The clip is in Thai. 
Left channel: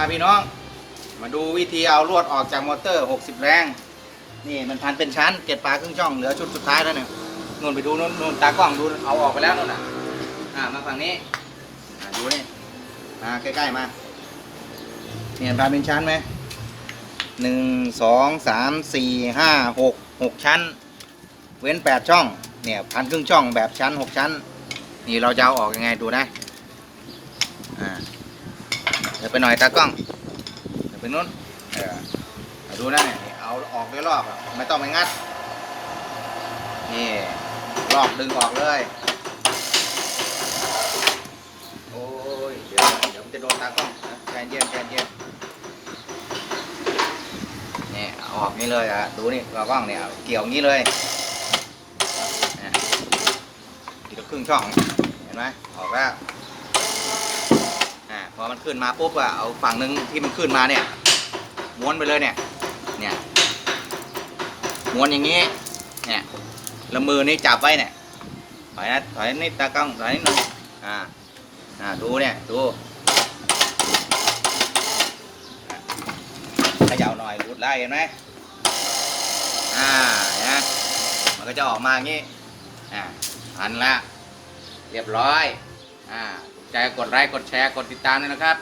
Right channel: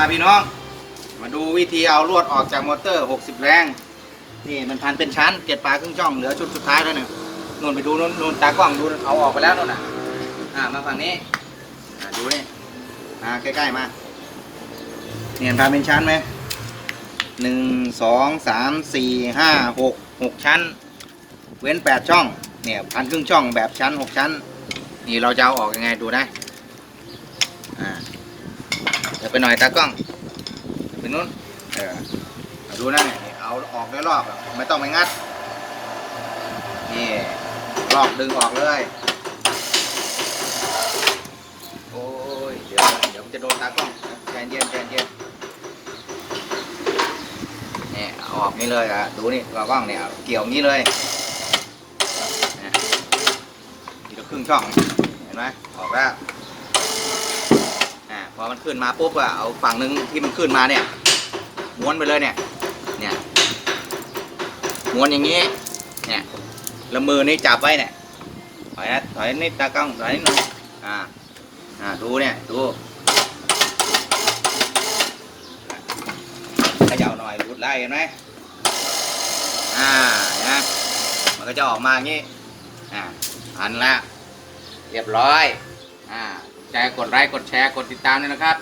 มาพี่น้อง มาดูวิธีเอาลวดออกจากมอเตอร์ 60 แรง นี่มันพันเป็นชั้นเก็บปลาครึ่งช่องเหลือชุดสุดท้ายแล้วเนี่ยนู่นไปดูนู่นนู่นตากล้องดูเอาออกไปแล้วนู่นน่ะอ่ามาฝั่งนี้อ่าดูนี่อ่าใกล้ๆมาเนี่ยพันเป็นชั้นไหมหนึ่งสองสามสี่ห้าหกหกชั้น เว้นแปดช่องเนี่ยพันครึ่งช่องแบบชั้นหกชั้น นี่เราจะเอาออกยังไงดูนะอ่ ไปหน่อยตากล้องไปนู้นเออดูนะเนี่ยเอาออกได้รอบไม่ต้องไปงัด นี่รอบดึงออกเลย โอ้ย เดี๋ยวเดี๋ยวจะโดนตากล้องใจเย็นใจเย็นนี่อออกนี่เลยอะ ดูนี่ตากล้องเนี่ยเกี่ยวงี้เลยอะทีละครึ่งช่อง เห็นไหมออกแล้ว มันขึ้นมาปุ๊บอะเอาฝั่งหนึ่งที่มันขึ้นมาเนี่ย ม้วนไปเลยเนี่ย เนี่ย ม้วนอย่างนี้ เนี่ยแล้วมือนี่จับไว้เนี่ยถอยนะถอยนิดตากล้องถอยนิดนึงอ่า อ่า ดูเนี่ย ดูเขย่าหน่อยรุดไล่เห็นไหมอ่า นะ มันก็จะออกมาอย่างนี้ อ่า อันละ เรียบร้อย อ่าใจกดไลค์กดแชร์กดติดตามด้วยนะครับ